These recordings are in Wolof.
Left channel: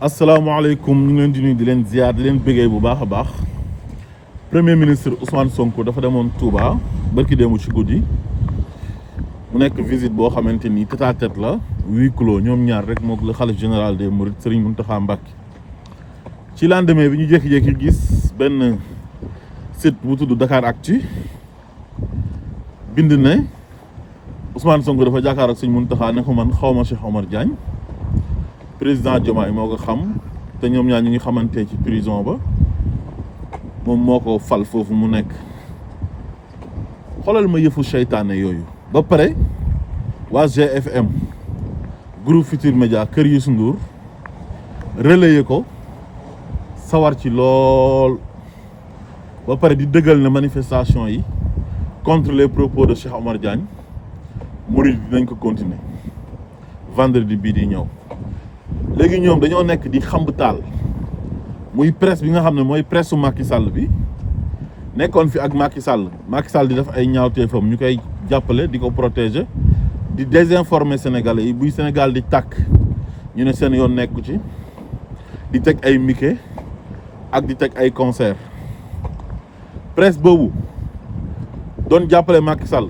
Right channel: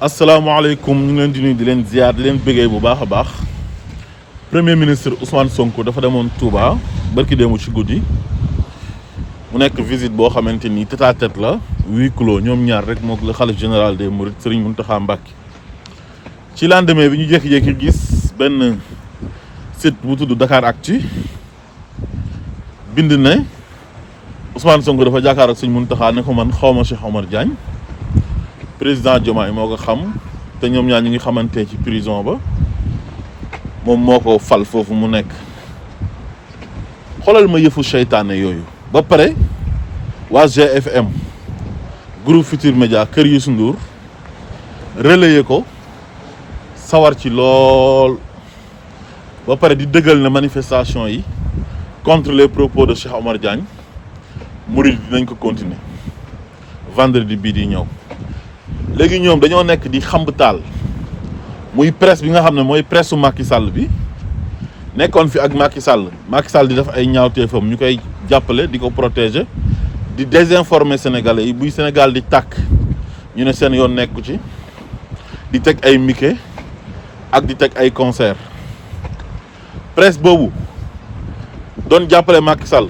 asalaamaaleykum ñu ngi leen di nuyu di leen ziar di leen bëggee bu baax a baax premier ministre Ousmane Sonko dafa demoon Touba barki démb ci guddi mu nekk visite boo xamante ni tête à tête la huis clos ñoom ñaar rek moom la xalif général des Mourides Serigne Mountakha Mbacké ci lendemain bi ñu jékki-jékki gis benn site bu tudd Dakaractu bind ne Ousmane Sonko dafa jàkkaar ak Serigne Mountakha ne ko man xawma Cheikh Omar Diagne président Diomaye moo ko xam te ñoom ñaar ñu ngi xamante ci prison ba moom moo ko fal foofu mu nekk xoolal ma yëfu seytaane yooyu ba pare waa GFM groupe Futurs Médias kër Youssou Ndour relayer ko sawar ci lool ba pare di dëggal na manifestation yi contre les propos de Cheikh Omar Diagne murid dinañ ko continuer vendredi bii di ñëw léegi ñoom dañoo nekk di xamb taal muy presse bi nga xam ne mooy presse su Macky Sall bi nekkoon fi ak Macky Sall di def ay ñaawteefam ñu koy jàppale di ko protéger di désinformer sénégalais yi buy Sénégal di tàkk ñu ne seen yoon nekku ci di teg ay mike ak di teg ay concert presse boobu doon jàppale Macky Sall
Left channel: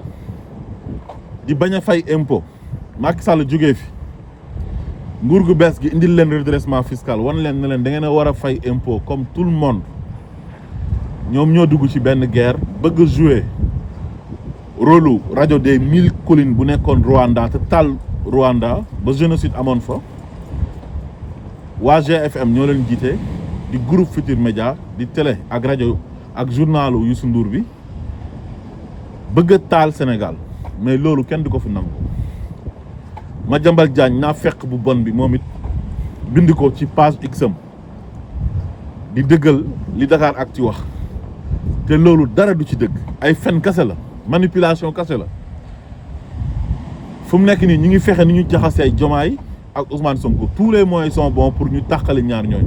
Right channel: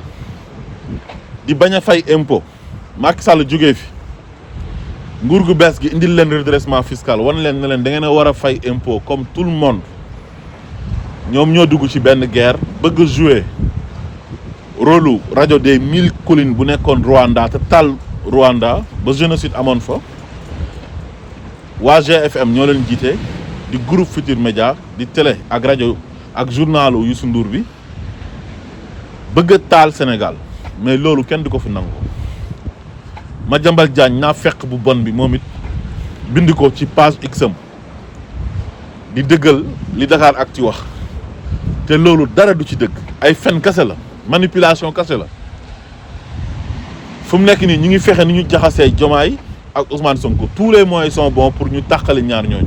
di bañ a fay impôt Macky Sall jógee fi nguur gu bees gi indil leen redressement fiscal wan leen ne leen da ngeen a war a fay impôt comme tout le monde ñoom ñoo dugg ci benn guerre bëgg jouer rôle rajo des 1000 collines bu nekkoon Rwanda te taal Rwanda ba génocide amoon fa waa GFM ñoo leen jiite di groupe Futurs Médias di télé ak rajo ak journalu Youssou Ndour bi bëgg a taal Sénégal mais loolu kenn du ko fi nangu. Madiambal Diagne naa fekk bu bon bi moom it bind ko ci page X-am di dëggal li Dakaractu wax te loolu dara du ci dëgg ay fen kase la manipulation kase la fu mu nekk nii ñu ngi fexe ni ñu jaxasee Diomaye ak Ousmane Sonko tous les moyens sont bons pour ñu tàqale ñaar ñooñu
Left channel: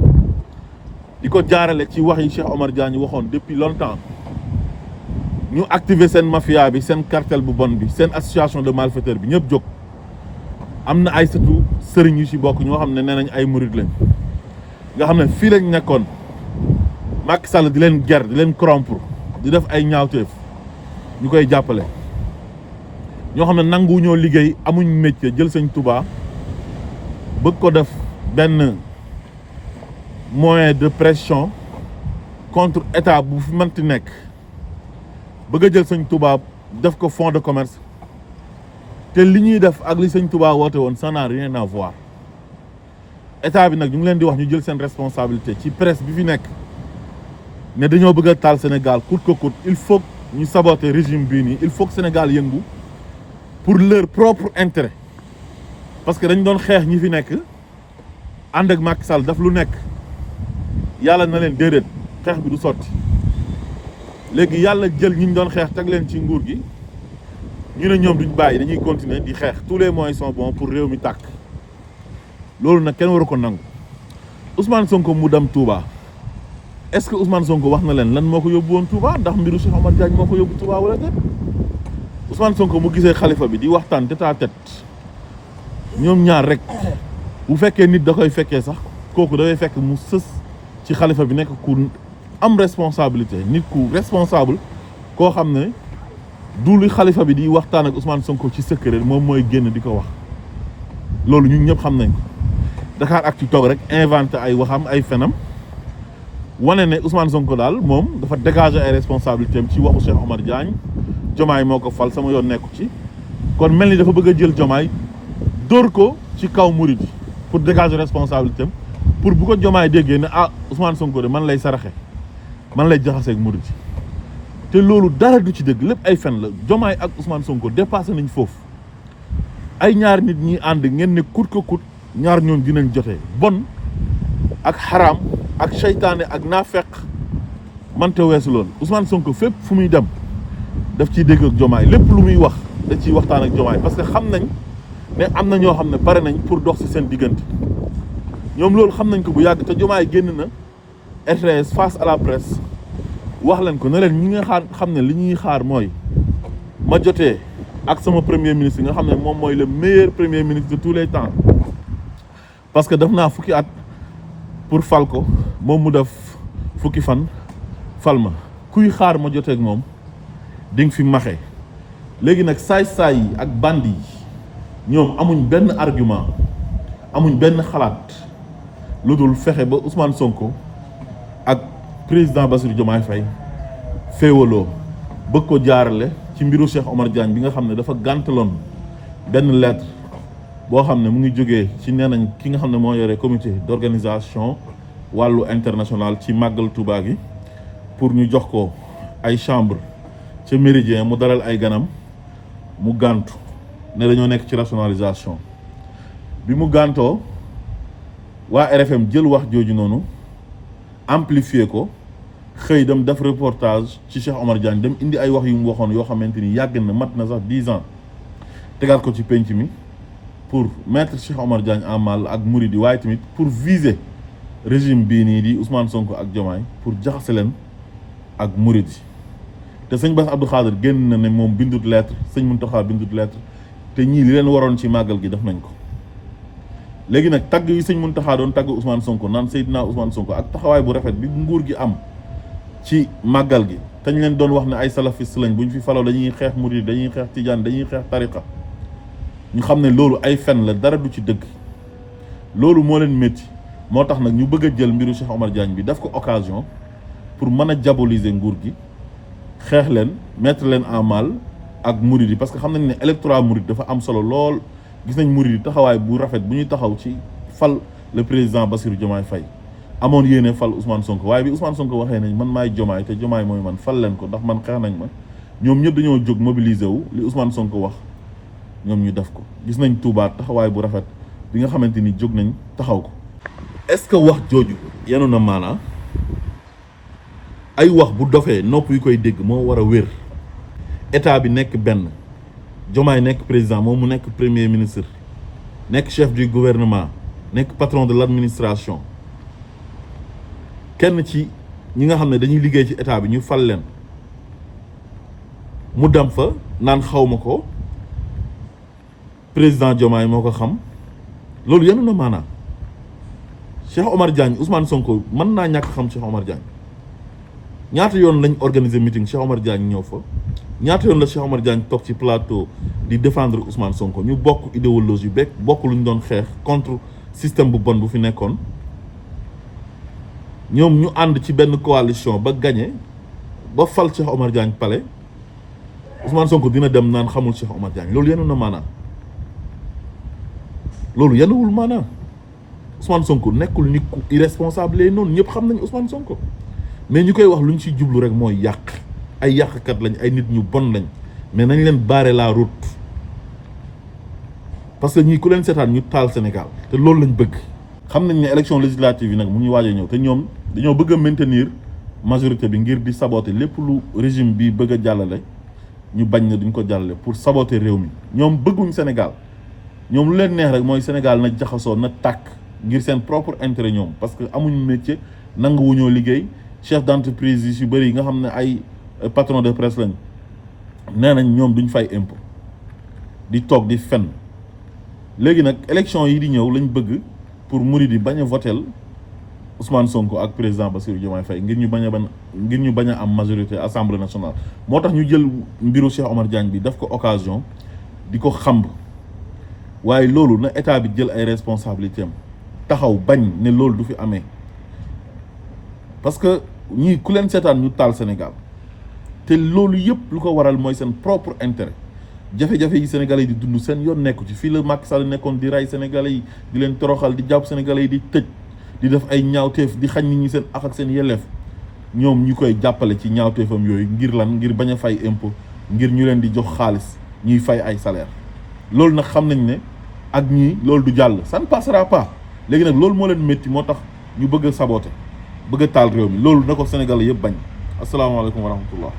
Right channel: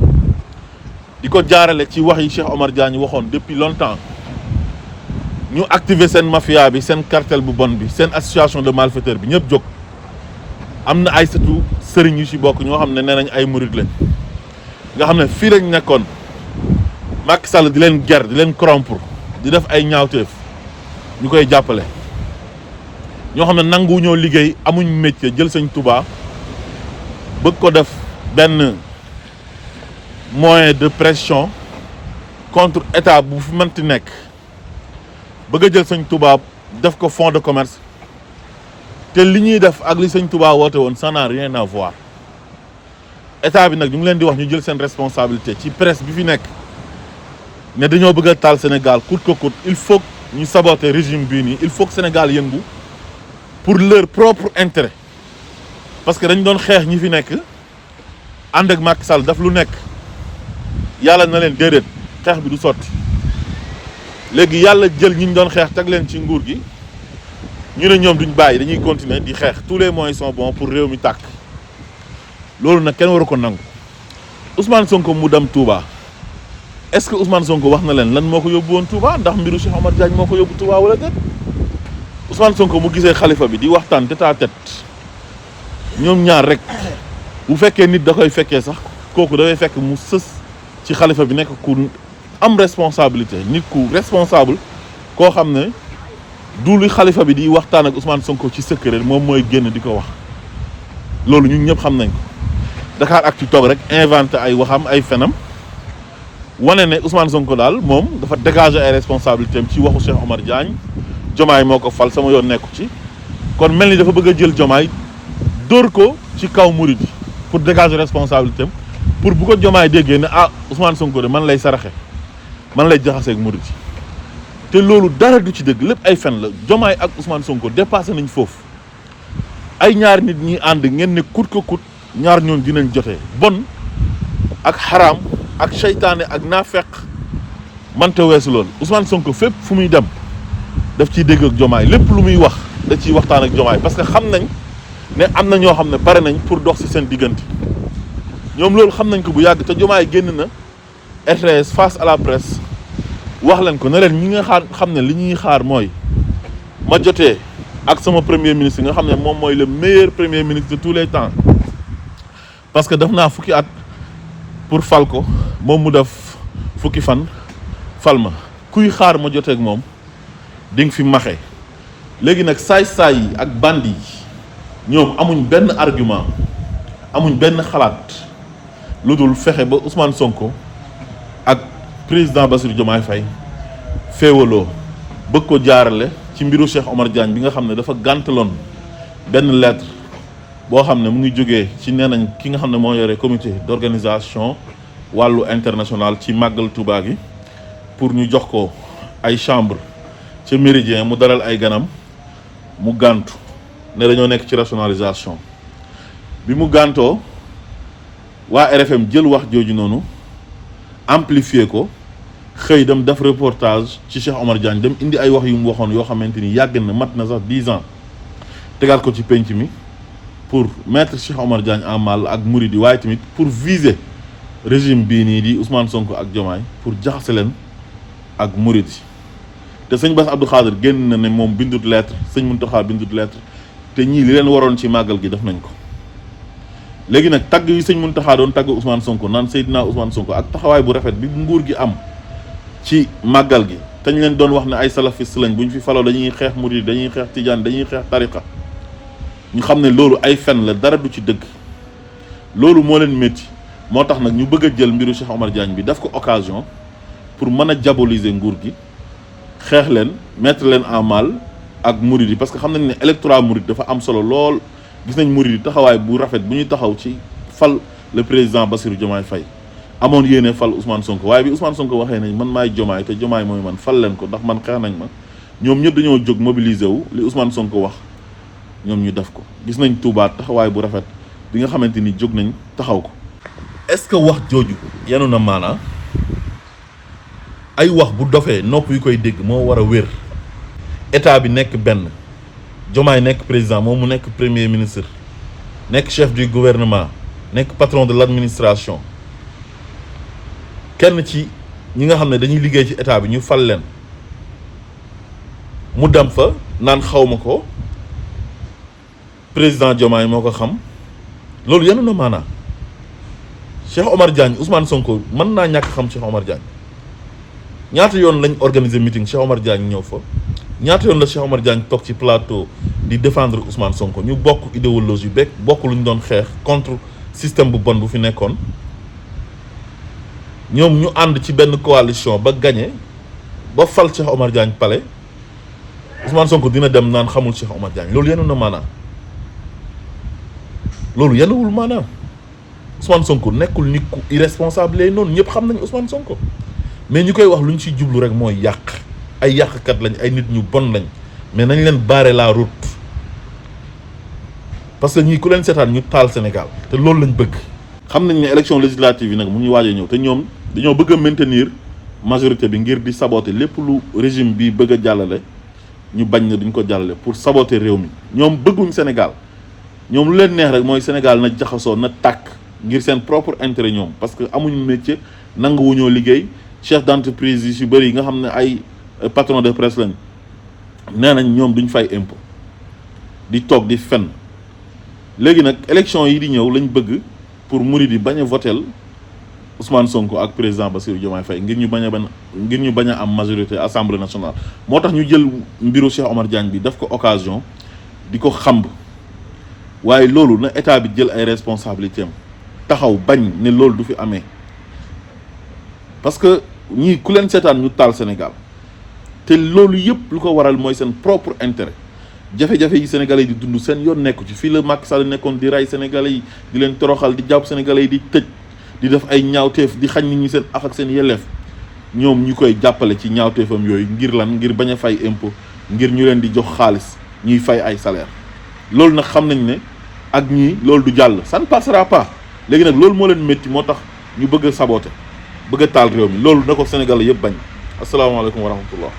di ko jaarale ci wax yi Cheikh Omar Diagne waxoon depuis longtemps ñu activer seen mafia bi seen cartel bu bon bi seen association de malfaiteurs bi ñëpp jóg. am na ay sëtu sëriñ yu ci bokk ñoo xam ne nee nañ ay murid lañ nga xam ne fii lañ nekkoon Macky Sall di leen ger di leen corrompre di def ay ñaawteef ñu koy jàppale ñoo xam ne nangu ñoo liggéey amuñ métier jël Sëñ Touba bëgg ko def benn moyen de pression contre état bu fi mënti nekk bëgg a jël Sëñ Touba def ko fonds de commerce te li ñuy def ak li Sëñ Touba woote woon ça n'a rien à voir état bi nag ñu ngi leen di wax ñu jël seen responsabilité ci presse bi fi nekk ne dañoo bëgg a taal Sénégal coûte que coûte il faut ñu saboter régime bii nii il faut que Sénégal yëngu pour leur propre intérêt parce que dañ doon xeex ñi fi nekk ànd ak Macky Sall daf lu nekk yàlla na leen déedéet xeex bi du sotti léegi yàlla jël ñi ñu doon xeex teg leen ci nguur gi. ñu ne ñoom duñ bàyyi dañuy continuer di xeex tous les moyens sont bons pour réew mi tàkk loolu nag kenn waru ko nangu Ousmane Sonko mu dem Touba est-ce que Ousmane Sonko wax na leen lan moo ko yóbbu woon Touba ndax mbiru Cheikh Omar Diagne moo ko yóbbu Touba wala déet Ousmane Sonko mu gisee xalifa bi di waxtaan tête à tête ñoom ñaar rek bu fekkee nit da koy fekkee sax kooku dafay fekk mu sës ci xalifa bi nekk ku am responsabilité nit ku responsable koo xam ne. du li xalifa bi di waxtaan ak Ousmane Sonko ci secret moom mooy génn di ko wax loolu ñun ñëpp xam nañ ko Dakaractu toog rek inventé ay waxam ay fenam wane ne Ousmane Sonko daal moom dafa dégager ay responsabilités am ci waxu Cheikh Omar Diagne Diomaye moo ko fal sama yoon nekku ci kon mel ni dafa bëgg a jël Diomaye dóor ko ci kaw murid yi pour dégager responsabilité am pour bu ko Diomaye déggee ne ah Ousmane Sonko de man lay saraxe man lay jaxaseeg murid yi te loolu dara du ci dëgg lépp ay fen la Diomaye ak Ousmane Sonko dépassé nañ foofu ay ñaar nit ñi ànd ngeen ne coûte que coûte ñaar ñoon dinañ jotee bon ak xaraam ak seytaane ak naafeq mante weesu loolu Ousmane Sonko fépp fu muy dem daf ciy dégg ak Diomaye lépp lu muy wax da ciy waxtaan ak Diomaye parce que xam nañ ne am na ñoo xam ne pare nañ pour dox ci seen diggante ñoom loolu xam nañ ko bu yàgg te Diomaye génn na RTS face à la presse wax leen ko ne leen ñi nga xam ne li ñuy xaar mooy ma jotee ak sama premier ministre nga xam ne moom mooy le meilleur premier ministre de tous les temps parce que def naa fukki at pour fal ko moom mu def fukki fan fal ma kuy xaar ma joteeg moom di nga fi maxe léegi nag saay-saay yi ak bandi yi ñoom amuñ benn argument amuñ benn xalaat lu dul fexe ba Ousmane Sonko ak président Bassirou Diomaye Faye féewaloo bëgg ko jaarale ci mbiru Cheikh Omar Diagne bi nga xam ne dafa gàntaloon benn lettre boo xam ne mu ngi jógee ci nee nañ ki nga xam ne moo yore comité d'organisation wàllu international ci màggal Touba gi pour ñu jox ko ay chambre ci Méridien mu dalal ay ganam mu gàntu ne dañoo nekk ci rationalisation bi mu gàntoo waa RFM jël wax jooju noonu amplifier ko xëy dem def reportage ci Cheikh Omar Diagne dem indi ay wax yu mu waxoon yoo xamante ni yàgg na mat na sax 10 ans tegaat ko ci penc mi pour mettre Cheikh Omar Diagne en mal ak Mouride waaye tamit pour viser régime bii nii di Ousmane Sonko ak Diomaye pour jaxase leen ak Mouride te sëñ Bass Abdou Khadre génn na ne moom bindut lettre sëñ Mountakha bindut lettre te ñii li leen waroon ci màggal gi def nañ ko léegi nag tagg yi sëñ Mountakha doon tagg Ousmane Sonko naan Seydina Ousmane Sonko ak taxawaay bu rafet bi nguur gi am ci màggal gi te ñu leen doon wax ne ay salafiste lañ bu ñu fi faloo dañuy xeex Mouride dañuy xeex Tidiane dañuy xeex tariqa ñu xam ne loolu ay fen la dara du ci dëgg loolu moo leen métti moo tax nag ñu bëgg a jël mbiru Cheikh Omar Diagne bi daf ko occasion pour mën a diaboliser nguur gi xeex leen mettre leen en mal ak Mouride yi parce que xam nañ ne électorat Mouride dafa am solo lool gis nañ Mouride yi taxawaay bu rafet bu ñuy taxaw ci fal le président Bassirou Diomaye Faye amoon yéene fal Ousmane Sonko waaye bi Ousmane Sonko waxee nañ man maay Diomaye te Diomaye mooy man fal leen ko ndax man xeex nañ ma ñoom ñëpp dañoo jóg mobiliser wu li Ousmane Sonko wax ñoom ñu def ko gis nañ Touba taxawaay bu rafet bi nga xamante ni jóg nañ taxaw ko. est-ce que wax jooju yanu na maanaa ay wax bu dofee nopp yu koy dégg moo war a wér état bi nekk benn Diomaye nekk président moom mu nekk premier ministre nekk chef du gouvernement nekk patron de l'administration kenn ci ñi nga xam ne dañuy liggéey ci état bi ñu fal leen mu dem fa naan xawma ko président Diomaye moo ko xam loolu yanu na maanaa Cheikh Omar Diagne Ousmane Sonko mën naa ñàkk xam Cheikh Omar Diagne ñaata yoon lañ organiser meeting Cheikh Omar Diagne ñëw fa ñaata yoon la Cheikh Omar Diagne toog ci plateau di défendre Ousmane Sonko ñu bokk idéologie beeg bokk lu ñu doon xeex contre système bu bon bu fi nekkoon ñoom ñu ànd ci benn coalition ba gagné ba fal Cheikh Omar Diagne palais Ousmane Sonko dina dem naan xamul Cheikh Omar Diagne loolu yenu na maanaam loolu yenuwul maanaam Ousmane Sonko nekkul nit ku irresponsable lay noonu ñëpp xam nañ Ousmane Sonko mais ñu koy wax lu ñu ci jublu rek mooy yàq ay yàqkat lañ ay nit ñu bon lañ mais nañ leen barrer la route parce que ñii ku leen seetaan ñu taal Sénégal te loolu lañ bëgg. xam nañ ne élection législative yi nag mu ñuy waaj a ñëw te ñoom dañoo bëgg a maintenir majorité bi ngir di saboter lépp lu régime bi bëgg a jàllale ñu bañ na duñ ko jàllale pour saboter réew mi ñoom bëgguñ Sénégal ñoom lu leen neex rek mooy Sénégal na jaxasoo na tàkk ngir seen propre intérêt ñoom parce que amuñu métier nanguwuñoo liggéey chef d'entreprise yi si bëri yi nga xam ne ay patron de presse lañ nee nañ ñoom duñ fay impôt di toog di fen léegi nag élection yi di ñëw lañ bëgg pour Mouride yi bañ a votel Ousmane Sonko ak président Bassirou Diomaye Faye ngir ñu bañ a am majorité assemblée nationale moo tax ñu jël mbiru Cheikh Omar Diagne bi daf ko occasion di ko xamb waaye loolu na état bi jël ay responsabilités am taxaw bañ ne loolu du fi amee parce que ñii ku leen seetaan ñu taal Sénégal te loolu yëpp lu ko waral mooy seen propre intérêt jafe-jafe yi sénégalais yi di dund seen yoon nekku ci fii la Macky Sall nekkoon di rey sénégalais yi di leen toroxal di jàpp sénégalais yi di tëj di def ay ñaawteef di xañ nit ñi seen ak seen yelleef ñoom ñu koy jàppale ci ñaawteefam yooyu ngir lan ngir bañ a fay impôt ngir ñu leen di jox xaalis ñuy fay ay salaire loolu nag xam nañ ne ak ñii loolu du jàll ça ne passera pas léegi nag loolu moo leen métti moo tax ñu bëgg a saboter bëgg a taal réew mi loolu na ko Sénégal yëpp bañ asalaamaaleykum wa rahmatullah